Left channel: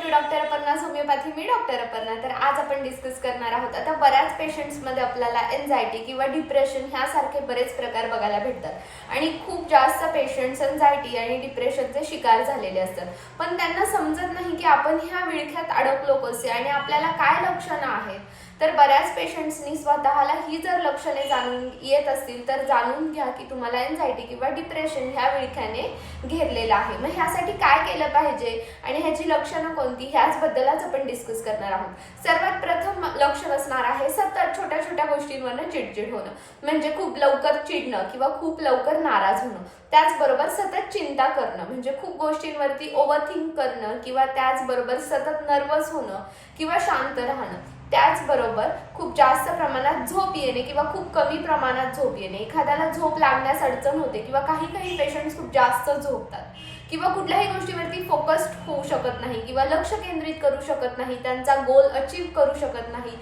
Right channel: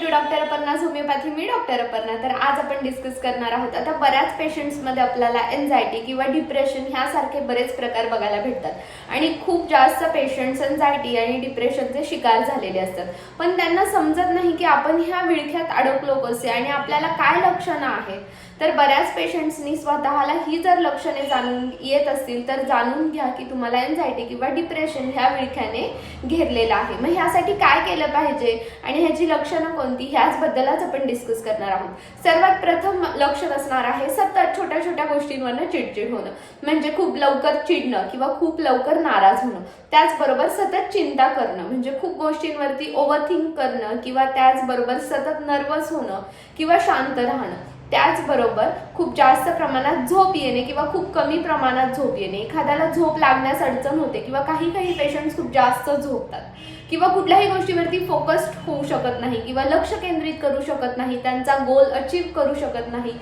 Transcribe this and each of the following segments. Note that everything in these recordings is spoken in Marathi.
टू डॉक्टर अपर्णा होमिओपॅथी मी डॉक्टर अपर्णा. तर आज आपण डिस्कस करणार आहोत. आता बऱ्याच पेशंट्समध्ये आपल्याला एन्झायटी किंवा डिप्रेशन ह्यासारखे बरेच प्रकार बघायला भेटतात. आणि खूप जास्त पेशंट्स एन्झायटी आणि डिप्रेशनचे शिकार झालेले असतात. पण त्यांना समजत नाही की आपण ह्या विळख्यात अडकलो कसे आणि आपल्याला काय लक्षणं आहेत. तर बऱ्याच पेशंट्सनी स्वतःला ही जर लक्षणे जाणून येत असतील तर जाणून घ्या की तुम्हाला एन्झायटी किंवा डिप्रेशन ह्या विळख्याने घेरलेलं आहे. मग ह्यासाठी काय केलं पाहिजे? आणि ह्याची लक्षणं कोणती ह्याचबद्दलच आपण डिस्कस करणार आहोत. सर्वात प्रथम लक्षण असणार आहे सतत छोट्या छोट्या गोष्टींवरनं चिडचिड होणं. म्हणजे खूप लवकर चिडणं किंवा खूप लवकर नाराज होणं. त्याचबरोबर सतत चिंता करणं. म्हणजे खूप गोष्टींवरती ओव्हरथिंक करणं किंवा त्याचबरोबर सतत नर्वस होणं किंवा शांत राहणं. त्याचबरोबर खूप जास्त प्रमाणात झोप येणे किंवा खूप कमी प्रमाणात झोप येणे. एखाद्याला झोप लागण्यास अडचण होते किंवा काही काही पेशंट खूप जास्त झोपतात किंवा कुठल्याही गोष्टीवरती फोकस्ड होऊ शकत नाही किंवा लक्ष केंद्रित करू शकत नाही त्यांचा गोल अचीव करू शकत नाही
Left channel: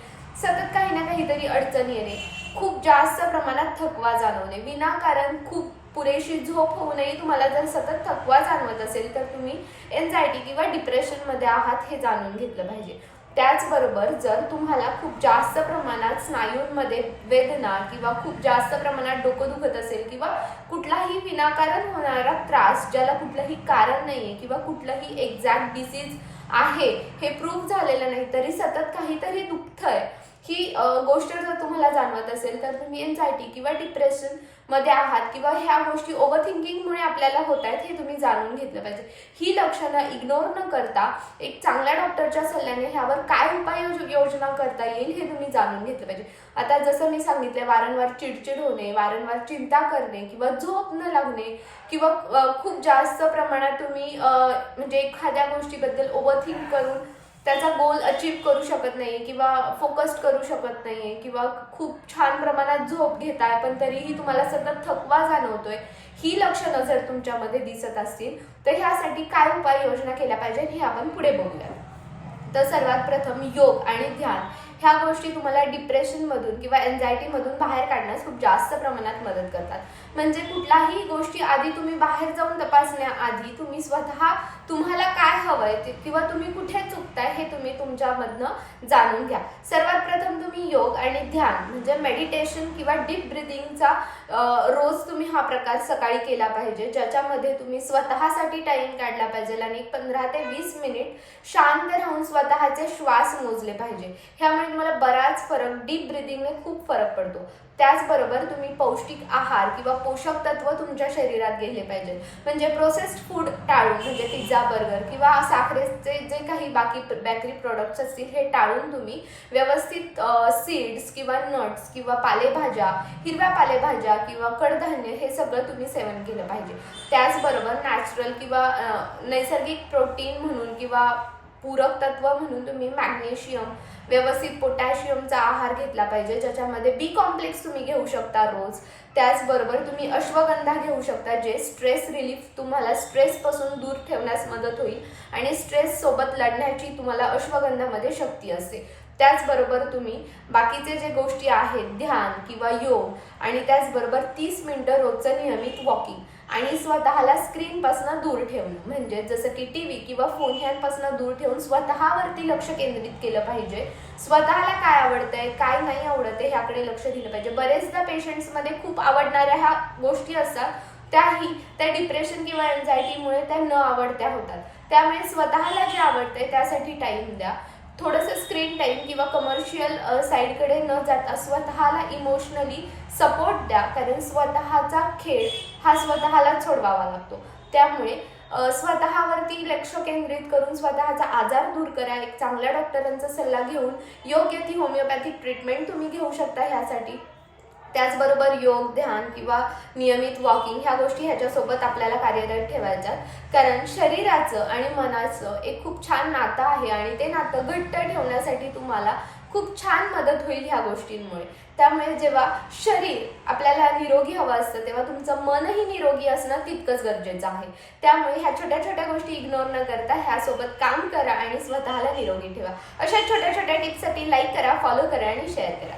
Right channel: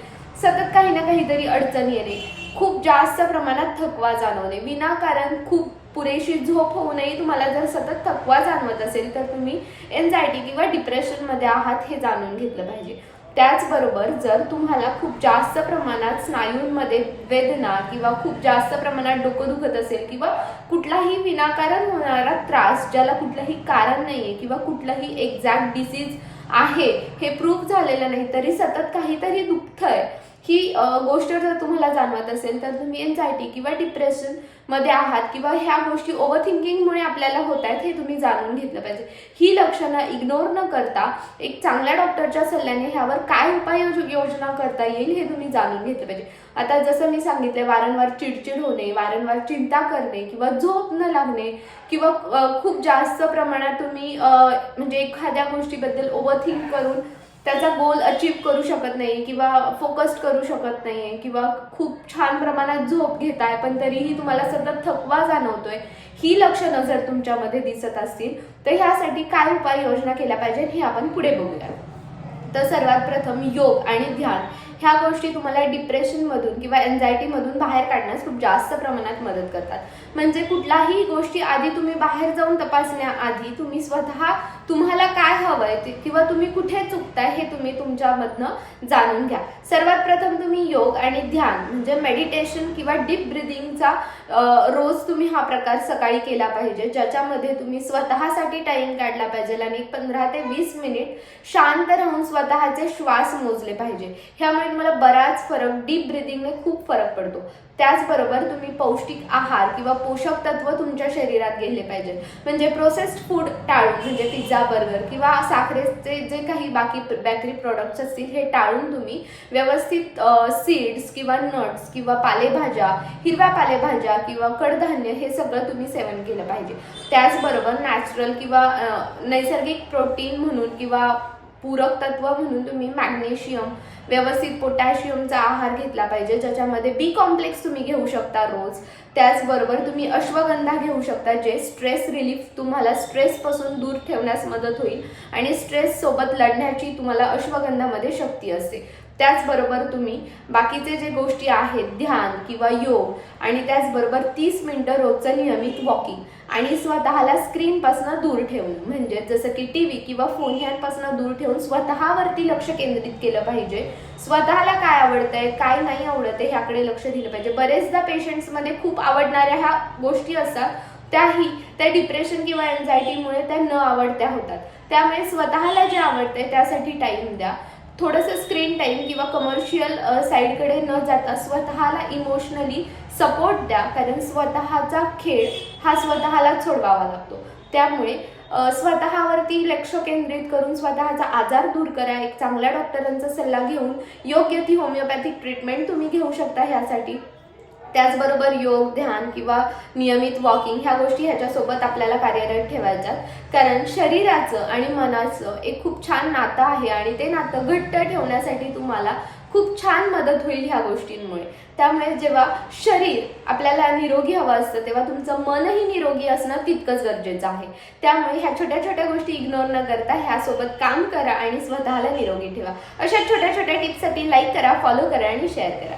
सतत काही ना काहीतरी अडचण येणे खूप जास्त प्रमाणात थकवा जाणवणे. विनाकारण खूप पुरेशी झोप होऊ नये तुम्हाला जर सतत थकवा जाणवत असेल तर तुम्ही एन्झायटी किंवा डिप्रेशनमध्ये आहात हे जाणून घेतलं पाहिजे. त्याचबरोबर जर तुम्हाला खूप जास्त प्रमाणात स्नायूंमध्ये वेदना किंवा खूप जास्त प्रमाणात डोकं दुखत असेल किंवा कुठलाही विनाकारण होणारा त्रास ज्याला कुठलंही कारण नाही आहे किंवा कुठलंही एक्झॅक्ट डिसीज आहे हे प्रूफ झालेलं नाही तरी सतत काहीतरी दुखतंय. ही गोष्ट जर तुम्हाला जाणवत असेल तर तुम्ही एन्झायटी किंवा डिप्रेशनमध्ये आहात किंवा ह्या गोष्टी ओव्हर थिंकिंगमुळे आपल्याला होत आहेत हे तुम्ही जाणून घेतलं पाहिजे. ही लक्षणं इग्नोर न करता एक चांगल्या डॉक्टरच्या सल्ल्याने ह्यावर काय उपाय योजना करता येईल हे तुम्ही जाणून घेतलं पाहिजे. आता जसं मी सांगितलं वारंवार चिडचिड होणे वारंवार चिंता करणे किंवा झोप न लागणे किंवा खूप जास्त प्रमाणात तुम्ही म्हणजे एखाद्या गोष्टीबद्दल ओव्हर थिंक करून त्याचा गोल अचीव करू शकत नाही किंवा फोकस्ड करू शकत नाही आहे किंवा खूप छान प्रमाणात झोप घेताय पण तरीही तुम्हाला सतत थकवा जाणवतोय ही लक्षणं जर तुमच्यामध्ये दिसत असतील तर ह्यासाठी काय उपाययोजना केल्या पाहिजे हे आपण पुढे बघूया तर सर्वात प्रथम योग आणि ध्यान ह्या गोष्टी तुम्हाला डिप्रेशनमधून किंवा एन्झायटीमधून बाहेर काढण्यास खूप जास्त प्रमाणात मदत करतात. म्हणजे कुठलाही गोष्टी आधी तुम्ही बाहेर जाऊन तपासण्याआधी तुम्ही स्वतः तुम्हाला काय हवंय ते किंवा तुम्ही कुठे चुकताय हे तुम्ही तुमच्यामधनं जाणून घ्या. सर्वात प्रथम तुम्ही योग आणि ध्यान म्हणजे मेडिटेशन किंवा डीप ब्रिदिंगचा रोज तुम्ही हा प्रकार सकाळी केला पाहिजे. ज्याच्यामध्ये तुम्ही स्वतःसाठी टाईम काढला पाहिजे आणि पंधरा ते वीस मिनिट शांत राहून स्वतः स्वतःचे श्वास मोजले पाहिजे. ह्यामुळे तुम्हाला बराच फरक डीप ब्रिदिंगने खूप फरक पडतो. त्याचबरोबर तुम्ही पौष्टिक आहार किंवा पोषक तत्व तुमच्या शरीरात गेले पाहिजे. म्हणजे प्रोसेस्ड फूड टाळून म्हणजे पिझ्झा बर्गर किंवा साखरेचे जे काही बाकी बेकरी प्रोडक्ट्स असतील हे टाळून तुम्ही व्यवस्थित सीड्स किंवा नट्स किंवा पालेभाज्या हिरव्या पालेभाज्या किंवा कडधान्य हे सगळं तुम्ही सेवन केलं पाहिजे. त्याचबरोबर नॅचरल किंवा नैसर्गिक प्रोटीन म्हणून किंवा पूरक तत्व म्हणून तुम्ही मॅग्नेशियम व्यवस्थित पोटॅशियमचा आहार घेतला पाहिजे ज्याच्यामध्ये बी कॉम्प्लेक्स तुम्ही घेऊ शकता रोज. त्याचबरोबर तुम्ही अश्वगंधा घेऊ शकता जे स्ट्रेस रिलीफ तुम्हाला स्ट्रेसपासून दूर ठेवण्यास मदत होईल आणि स्ट्रेस सोबत लढण्याची तुम्हाला अश्वगंधामध्ये शक्ती असते. त्याचबरोबर तुम्ही बाकीचे जे गोष्टी आहेत ध्यान किंवा योग आणि त्याचबरोबर तीस मिनटं रोजचं नियमित वॉकिंग आणि स्वतःला स्क्रीनपासून दूर ठेवणं. म्हणजे जसं की टी व्ही किंवा फोन ह्यांपासून दूर ठेवून स्वतःवरती लक्ष केंद्रित केलं पाहिजे. स्वतःला काय आवडतंय काय नाही आवडतंय ह्याकडे लक्ष दिलं पाहिजे. बरेचदा पेशंट्समध्ये खूप आवडणाऱ्या ह्या गोष्टी असतात त्याही त्या डिप्रेशन किंवा एन्झायटीमुळे त्या न आवडत्या होतात. त्यामुळे स्वतःला जे आवडतंय त्यासाठी टाईम द्या. थोडंसं स्क्रीन टाईम किंवा कमर्शियल साईडकडे न जाता स्वतःला इमोशनली सपोर्ट द्या. कारण स्वतःचा खेळ हा स्वतःलाच सोडवावा लागतो. त्यामुळे स्वतःवरती लक्ष केंद्रित करून स्वतःचा आजार दूर करा. एक चांगल्या डॉक्टरांचा सल्ला घेऊन योग्य ती होमिओपॅथिक ट्रीटमेंट तुम्ही घेऊ शकता ह्यासाठी. त्याचबरोबर योग ध्यान किंवा नियमित वॉकिंग ह्या गोष्टी ह्याच्यासोबत आपल्याला कार्यरत ठेवायच्यात. कारण शरीराचं आणि मनाचं एक खूप छान नातं आहे आणि ते नातं घट्ट ठेवण्यासाठी तुम्हाला खूप छान मदत होईल ह्या गोष्टींमुळे. त्यामुळे जेव्हा शरीर आपल्याला निरोगी हवं असतं तेव्हा तुमचं मनही निरोगी असणं तितकंच गरजेचं आहे. त्यामुळे ह्या छोट्या छोट्या गोष्टी इग्नोर न करता ह्यासोबत काम करा आणि स्वतःला निरोगी ठेवा. अशा छोट्या छोट्या टिप्ससाठी लाईक करा फॉलो करा आणि शेअर करा.